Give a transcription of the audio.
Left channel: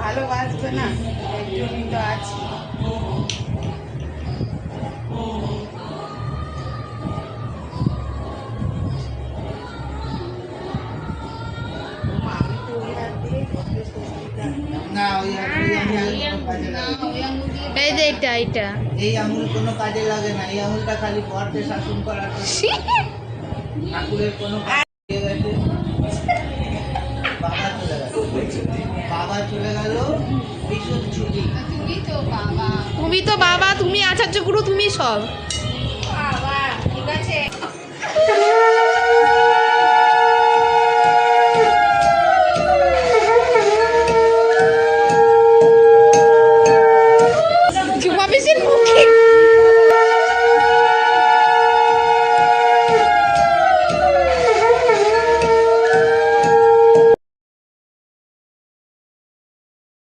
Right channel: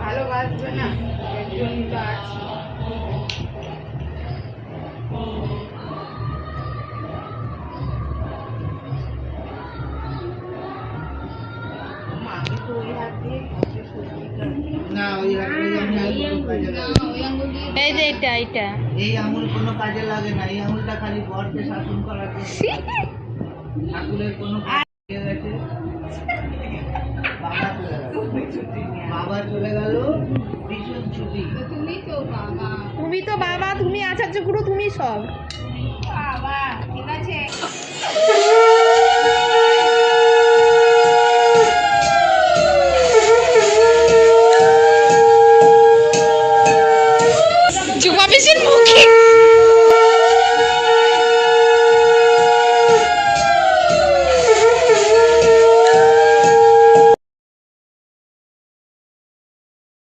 ভালোবাসবে না একজনই তো আছে। আমি তো ওই হাত দিয়ে না ওই এই যে এটা এই আঙুল কোনো কাজে লাগে না, এই আঙুলটা খালি বরকে শাসন করার জন্য। ঠাকুরের কোনো কাজ হয়ে গেছে, বাবা চলে গেল, বাবা চলে গেল, ভীষণ ছুটি। তুমি তো বাবা, তুমি আচার্য গুরু, তুমি সব। বাবা ঠিক আছে। চুমা পিসির মুখে